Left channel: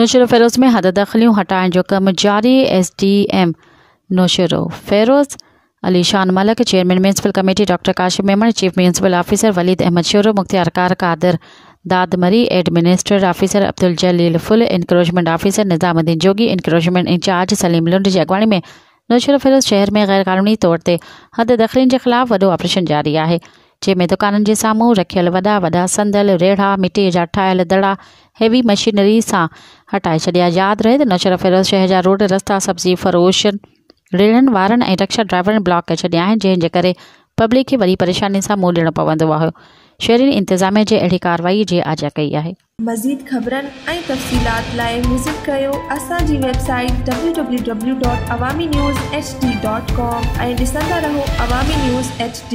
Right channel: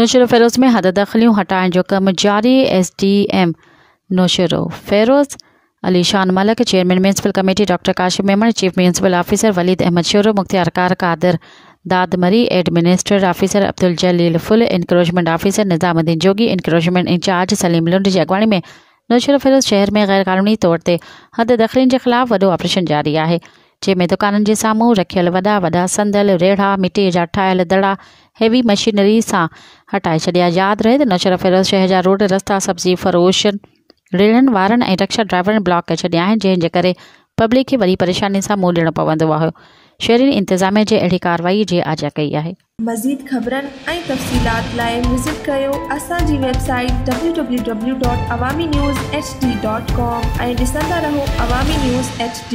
नौशेरो फेरोज में हद दखलियों हटाइण जो कम जारी। SDM नौशेरो फेरोज Ali Shan Malak, chairman municipal committee doctor Qasim Memon, chief municipal officer Waleed Ahmed Shoro, मुख्तियार कार Qadir Dadmari, administrative officer Abdul Jalil Phul, encroachment officer Nizamuddin Jogi, encroachment incharge Salim Lund जी अगवाणी में नौशेरो फेरोज शहर में गैर कानूनी तौर ते हद दखलिन के खिलाफ वॾो ऑपरेशन जारी है, जंहिंमें दुकाननि जे साम्हूं रखियल वॾा संदल, रेढ़ा, मिट्टी जा ठाहियल दड़ा हेवी मशीनरी सां हटाए छॾिया। यादि रहे त नौशेरो फेरोज शहर जा रोड, रस्ता, सब्जी फरोशन, रेड़नि वारनि ऐं रिक्शा ड्राइवरनि ब्लॉक करे छॾिया आहिनि, जंहिंजे करे पब्लिक खे वॾी परेशानी सां मुंहुं ॾियणो पवंदो आहे। शहरी इंतज़ामिया जे अहिड़ी कार्रवाई जी आजा कई आहे। मज़ीद ख़बरनि ऐं तफ़सीलात लाइ विज़िट कयो असांजी वेबसाइट www.awamiNewsHD.com ऐं ॾिसंदा रहो अवामी न्यूज़ HD।